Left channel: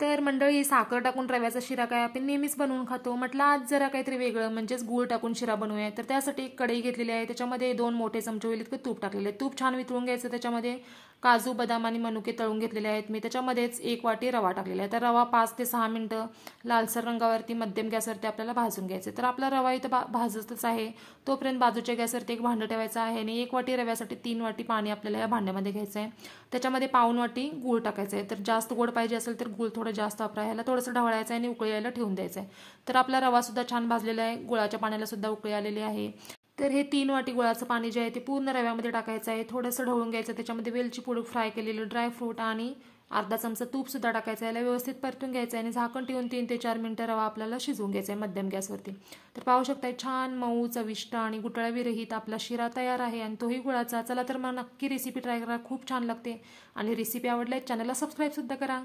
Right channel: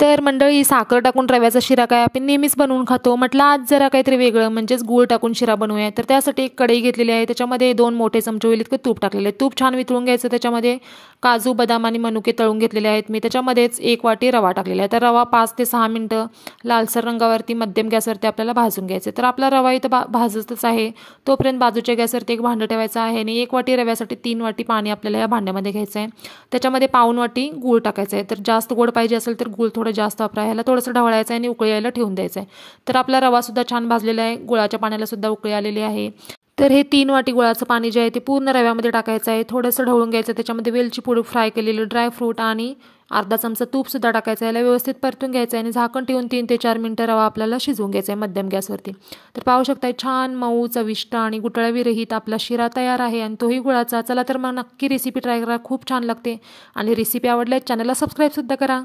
तर मंडळी, साखर टाकून रव्याचा शिरा काय आपण नेहमीच बनवून खातो. म्हटलं आज जरा काहीतरी वेगळं म्हणजेच गूळ टाकून शिरा बनवूया. तर त्यासाठी एक कढई घेतलेली आहे, त्याच्यामध्ये 2 मोठे चमचे होईल इतकं तूप टाकलेलं आहे. तूप छान वितळून घ्यायचं. त्याच्यामध्ये काजू, बदाम आणि मनुके तळून घेतलेले आहेत मी. त्याच्यामध्येच 1 वाटी रवा टाकलेला आहे. तर रवा 5 ते 6 मिनिटं लालसर रंगावरती मध्यम गॅसवरती आपल्याला भाजून घ्यायचं. तर आपला रवा इथं भाजतच आहे. तोपर्यंत बाजूच्या गॅसवरती एक भांडं ठेवायचं आहे आणि 1 वाटी रव्यासाठी 3 वाटी पाणी आपल्याला या भांड्यामध्ये घ्यायचं आहे. त्याच्यामध्ये पाऊण वाटी गूळ टाकायचं आहे. तर जास्त गोड पाहिजे असेल तर गूळ थोडं जास्त वापरा. ह्याला थोडंसं ढवळायचं आहे आणि उकळी यायला ठेवून द्यायचं आहे. तर आपला रवासुद्धा छान भाजलेला आहे. गुळाच्या पाण्यालासुद्धा उकळी आलेली आहे. तर हे 3 वाटी गुळाचं पाणी जे आहे ते पूर्ण रव्यामध्ये टाकायचं आहे. थोडंसं ढवळून घ्यायचं. त्याच्यामध्ये वेलची पूड, फ्राय केलेलं ड्रायफ्रूट आणि अर्धा चमचा तूपसुद्धा टाकायचं आहे. याला व्यवस्थित परतून घ्यायचं आहे आणि झाकण ठेवून 3 ते 4 मिनिटं रवा आपल्याला शिजवून घ्यायचा आहे मध्यम गॅसवरती. तर पाहू शकताय छान मऊ, चविष्ट आणि गुठळ्याविरहित आपला शिरा तयार आहे आणि तोही गुळाचा. चला तर मग नक्की रेसिपी ट्राय करा. खूप छान लागते आणि रेसिपी आवडल्यास चॅनलला सबस्क्राईबसुद्धा करा.